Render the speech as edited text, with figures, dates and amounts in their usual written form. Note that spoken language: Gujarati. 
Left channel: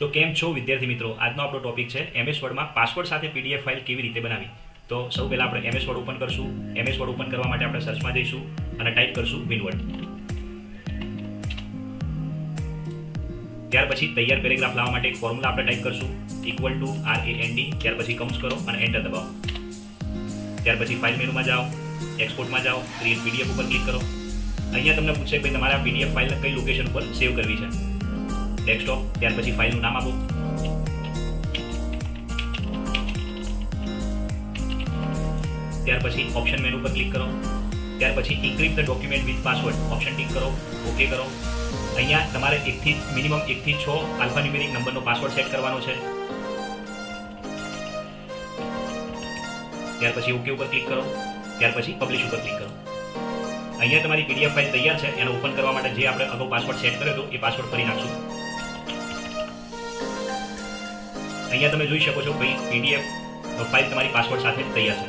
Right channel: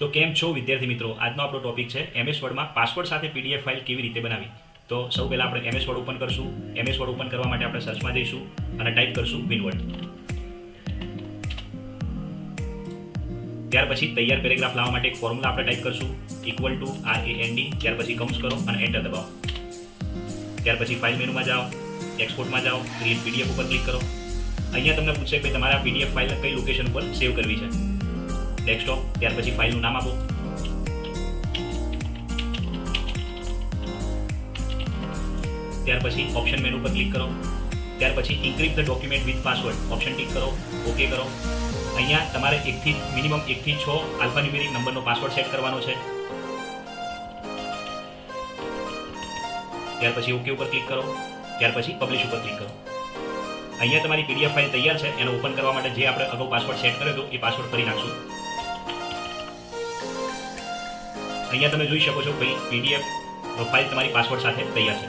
તો કેમ છો વિદ્યાર્થી મિત્રો? આજનો આપણો ટોપિક છે એમએસ વર્ડમાં પાસવર્ડ સાથે પીડીએફ ફાઇલ કેવી રીતે બનાવી. તો સૌ પહેલા આપણે એમએસ વર્ડ ઓપન કરશું. એમએસ વર્ડ ઓપન કરવા માટે આપણે સર્ચમાં જઈશું અને ટાઈપ કરશું વિનવર્ડ. ત્યાર પછી તૈયાર પેરેગ્રાફ લાવવા માટે એક ફોર્મ્યુલા આપણે ટાઈપ કરશું =RAND. ત્યાર પછી કૌંસ કરો અને એન્ટર દબાવો. ત્યાર પછી ફાઇલ મેનુમાં જાઓ, એક્સપોર્ટમાં જાઓ, ક્રિએટ પીડીએફ ઉપર ક્લિક કરો. અહીંયા તમને પૂછશે કે તમારે આ પીડીએફ ફાઇલ કઈ લોકેશન ઉપર સેવ કરવી છે. ડેસ્કટોપ. ત્યાર પછી ફાઇલનું નામ આપો. ત્યાર પછી ઓપ્શન મેનુ પર ક્લિક કરો. ત્યાર પછી encrypt the document with password option tick કરો, ઓકે કરો. અહીંયા તમારે મિનિમમ 1 થી 6 આલ્ફાન્યુમેરિક નંબરનો પાસવર્ડ સેટ કરવાનો છે. ત્યાર પછી ઓકે ઉપર ક્લિક કરો. ત્યાર પછી પબ્લિશ ઉપર ક્લિક કરો. અહીંયા તમારી પીડીએફ ફાઇલ તૈયાર છે. એને ઓપન કરવા માટે જે આપણે અગાઉ પાસવર્ડ સેટ કર્યો હતો એ પાસવર્ડ ફરી નાખશો. અહીંયા તમે જોઈ શકો છો કે પીડીએફ ફાઇલ તમારી પાસવર્ડ સાથે તૈયાર છે.